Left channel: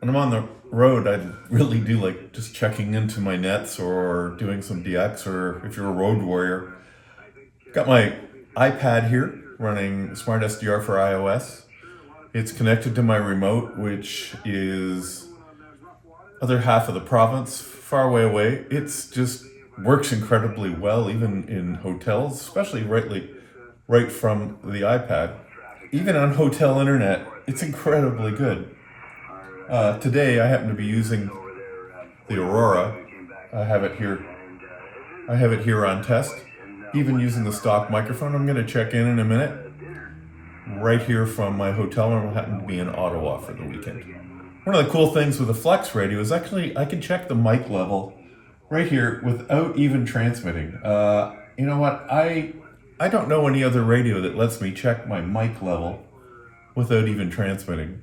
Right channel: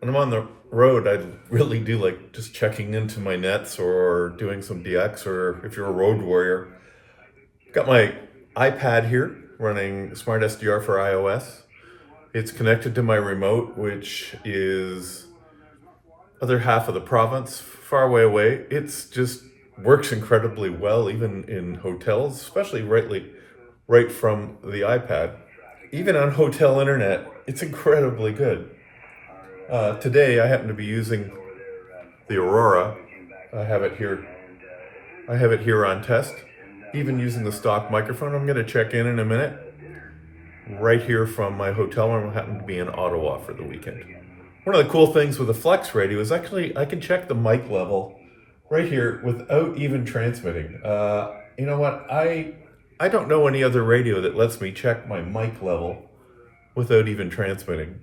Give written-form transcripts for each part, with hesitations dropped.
when I'm on the road, I really do like just checking into my nets or doing some DX, or if you're a road warrior. Got my iPad here running Smart SDR for iOS. It's connected to my remote, which is other half of the province, far away. It's just works incredibly well, even in hotels, especially right from the iPad. Even on hotel internet, it's incredibly good. Today, I happen to be using the Aurora. I have it here. I have it here on test. Even using the stock microphone. I'm going to check in a minute. Right here from my hotel room. I happen to be in Ottawa for the weekend. One of the cool things with the Flex radio is actually I can check the mic level right here without even transmitting. You know what? I don't know any other radio that lets me check my mic level without even transmitting,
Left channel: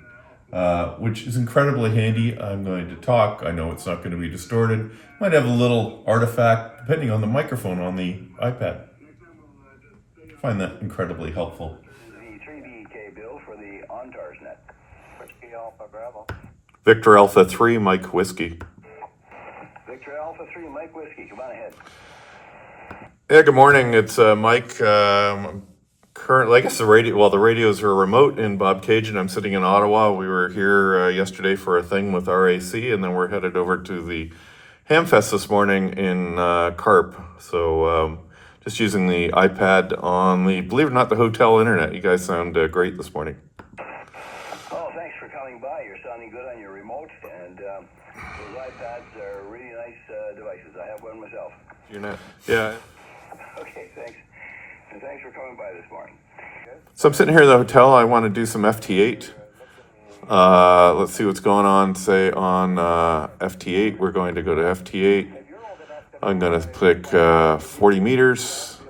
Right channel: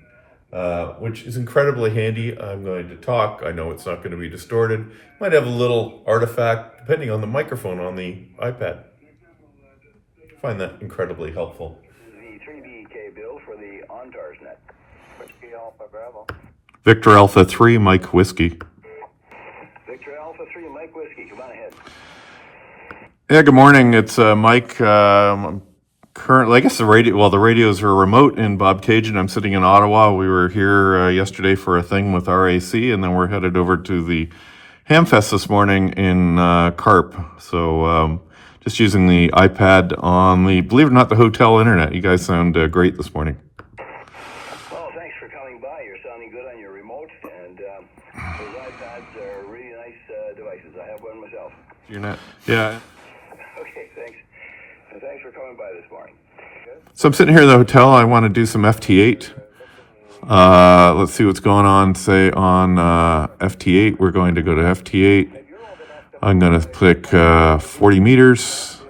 which is incredibly handy. I'm going to talk. I know it's not going to be distorted. Might have a little artifact depending on the microphone on the iPad. I find that incredibly helpful. The 3BK bill for the OnTarsNet. Whiskey Alpha Bravo. Victor Alpha 3, Mike Whiskey. Victor Alpha 3, Mike Whiskey. Come on ahead. Yeah, good morning. It's Mike. Currently, I guess the radios are remote in Bobcaygeon. I'm sitting in Ottawa. We were here yesterday for a thing with RAC, and then we're headed over to the Hamfest this morning in Carp. So just using the iPad on the, believe it or not, the hotel internet. You guys sound great this morning. Oh, thanks for coming by. You're sounding good on your remote, and those iPads are really nice devices. I have one myself. You're not, yeah. Okay, thanks. And thanks for coming by this morning. So I'm sitting here in the hotel. I want to do some FT8. Let's see what's going on, say, on FT8. We're going to go to FT8. I'm going to click 40 meters,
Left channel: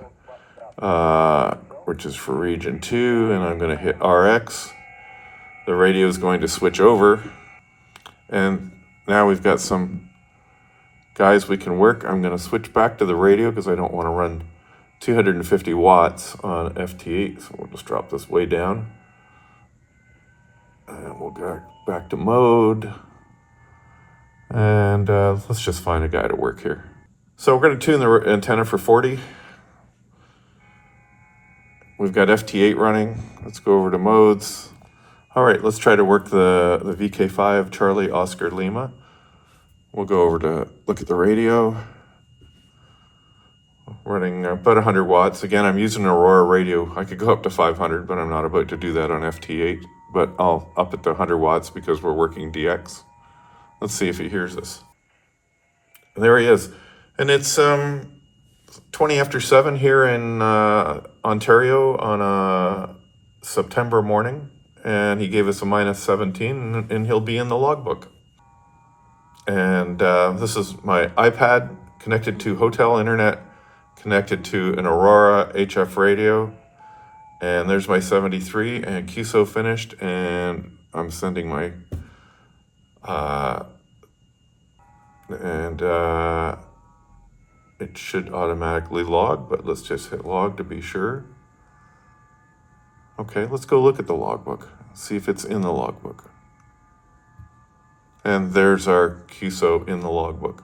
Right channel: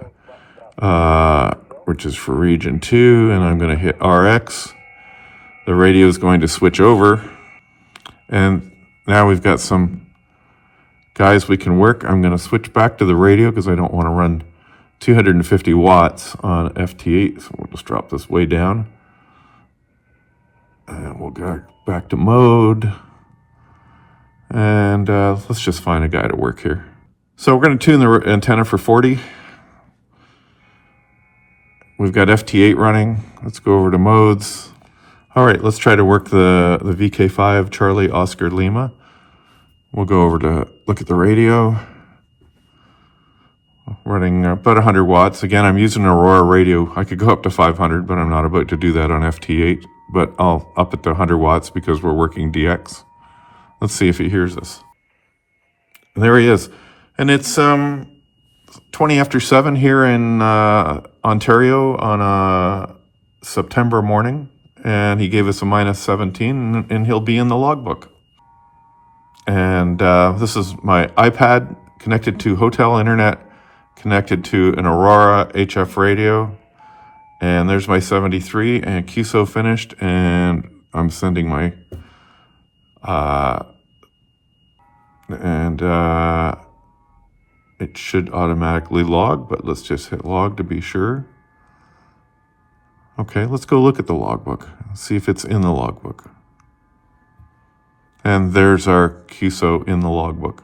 which is for region 2, and I'm going to hit RX. The radio is going to switch over. And now we've got some guys we can work. I'm going to switch back to the radio because I don't want to run 250 watts on FT8, so we'll just drop this way down. And we'll go back to mode. And let's just find a guy to work here. So we're going to tune the antenna for 40. We've got FT8 running. Let's go over to modes. All right, let's try to work the VK5 Charlie Oscar Lima. We'll go over to look at the radio. Running about 100 watts. Again, I'm using an Aurora radio. I could go up to 500, but I'm not about to do that on FT8. But I'll up it to 100 watts because we're working DX. Let's see if he hears us. And there he is. And it's 20 after 7 here in Ontario on a September morning. And he gave us a minus 17, and he'll be in the logbook. And this is my iPad connected to hotel internet, connected to an Aurora HF radio, and there's my 73 and QSO finished, and I'm sending my it should automatically log, but let's just hit log to be sure. Okay, let's go look at the logbook, see if it's in the logbook. And there's our QSO in the logbook.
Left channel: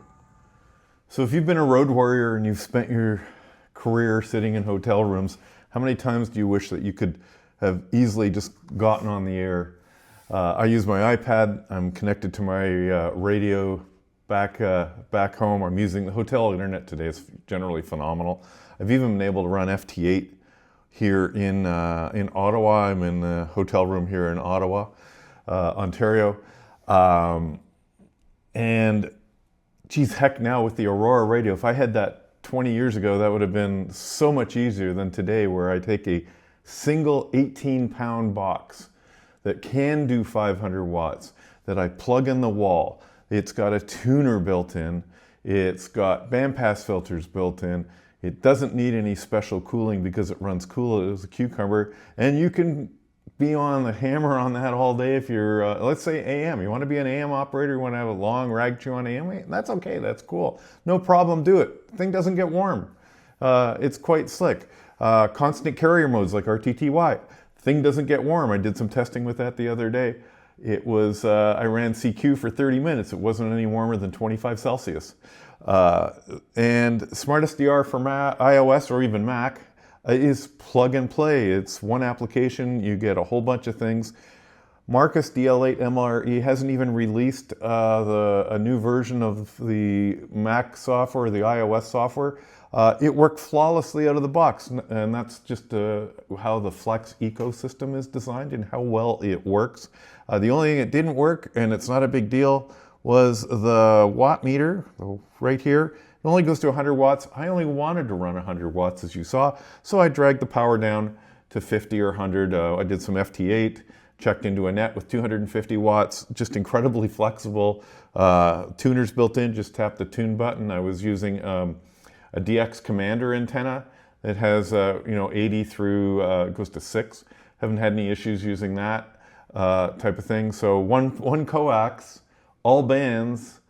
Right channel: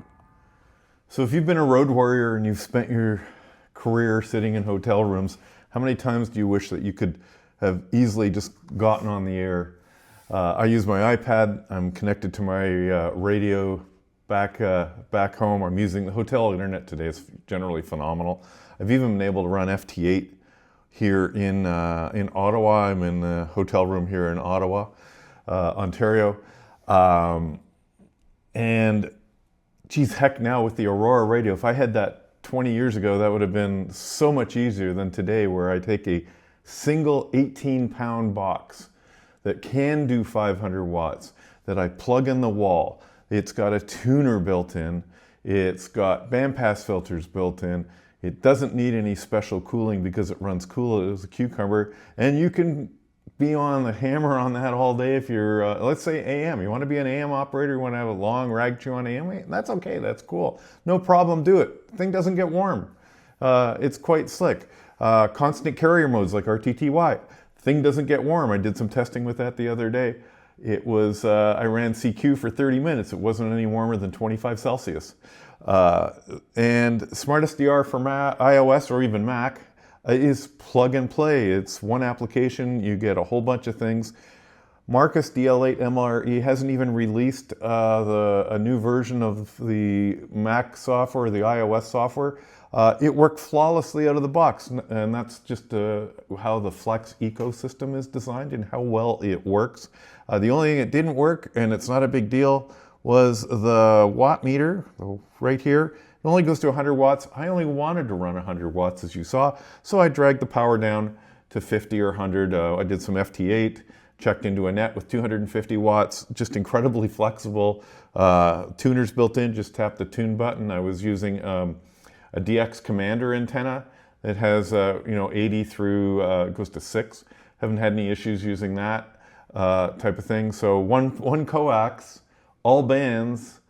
So if you've been a road warrior and you've spent your career sitting in hotel rooms, how many times do you wish that you could have easily just gotten on the air? I use my iPad. I'm connected to my radio back home. I'm using the hotel internet today. It's generally phenomenal. I've even been able to run FT8 here in Ottawa. I'm in the hotel room here in Ottawa, Ontario. And geez, heck, now with the Aurora radio, if I had that 20 years ago, that would have been so much easier than today, where I take a single 18-pound box that can do 500 watts, that I plug in the wall. It's got a tuner built in. It's got bandpass filters built in. It doesn't need any special cooling because it runs cool as a cucumber. And you can be on the hammer on that all day if you're, let's say AM. You want to be an AM operator, you want to have a long rag chew on AM, that's okay, that's cool. No problem, do it. The thing doesn't get warm. It's quite slick. Constant carrier modes like RTTY. Thing doesn't get warm. I did some testing with that the other day. it was, I ran CQ for 30 minutes. It wasn't any warmer than 25 Celsius. And SmartSDR for iOS or even Mac is plug and play. It's one application, you get a whole bunch of things. Marcus DL8 MRE hasn't even released a new version of the Mac software, the iOS software. It worked flawlessly out of the box, and that's just how the Flex ecosystem is designed and how well it works. The only thing that didn't work, and it's not a big deal, was the watt meter right here. It only goes to 100 watts. I only wanted to run 100 watts, as you saw, so I dragged the power down to 50 or 100. I did some FT8. Checked into a net with 250 watts, just incredibly flexible. Tuners built in, just tap the tune button. I was using a DX Commander antenna that has 80 through, it goes to 6. Haven't had any issues using that type of thing. So one coax, all bands,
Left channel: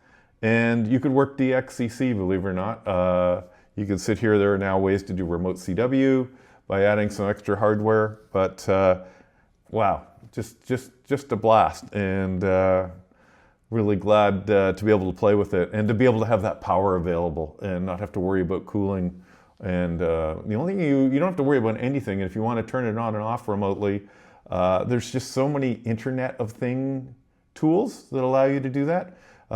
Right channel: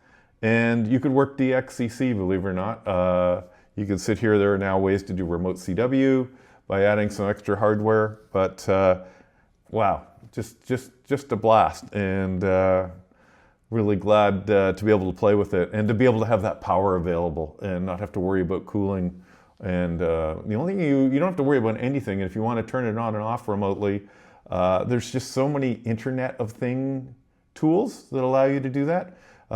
and you could work DXCC, believe it or not. You can sit here, there are now ways to do remote CW by adding some extra hardware, but wow. Just a blast, and really glad to be able to play with it and to be able to have that power available and not have to worry about cooling. And the only thing you don't have to worry about anything. And if you want to turn it on and off remotely, there's just so many Internet of Thing tools that allow you to do that.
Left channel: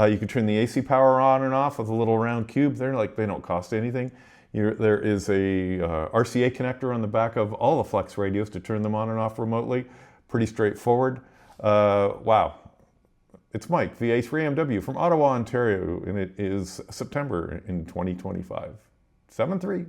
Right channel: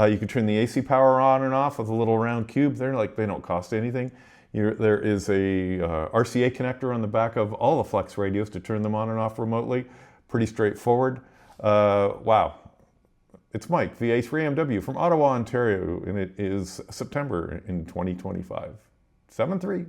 You can turn the AC power on and off with a little round cube. They don't cost anything. There is a RCA connector on the back of all the Flex radios to turn them on and off remotely. Pretty straightforward. Wow. It's Mike, VA3MW from Ottawa, Ontario, and it is September in 2025. 7-3.